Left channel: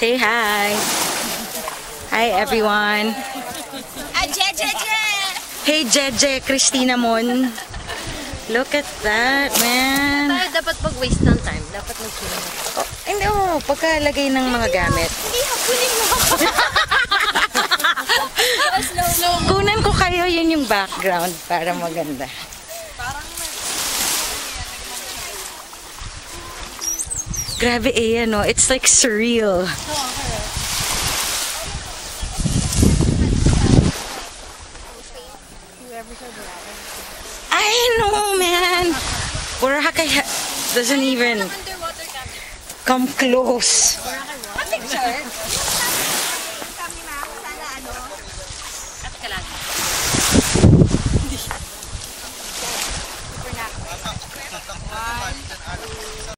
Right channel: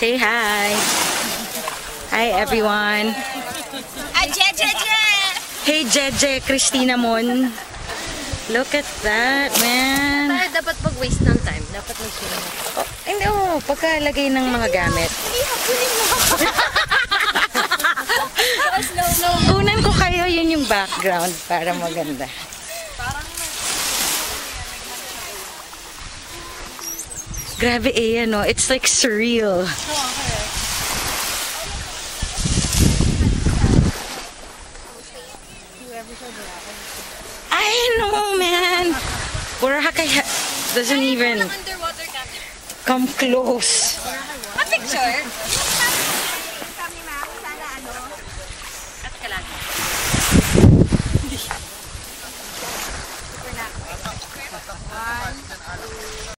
Say hi. Hi everyone. Hey Jeje, Christina Mon. Look at that, man. Tayo dapat pag-waste ng time. Dapat mag-sino. Oh, hindi oh, pagkalagay ng mga gamit. Kunan ko kayo, yun yung background para maganda. Grabe eh, no? It's like surreal. I know, man. Boracay doesn't even come close. A picture? Kami ma'am, sana ano? At kalagi. Hindi. Super na. 1, 2,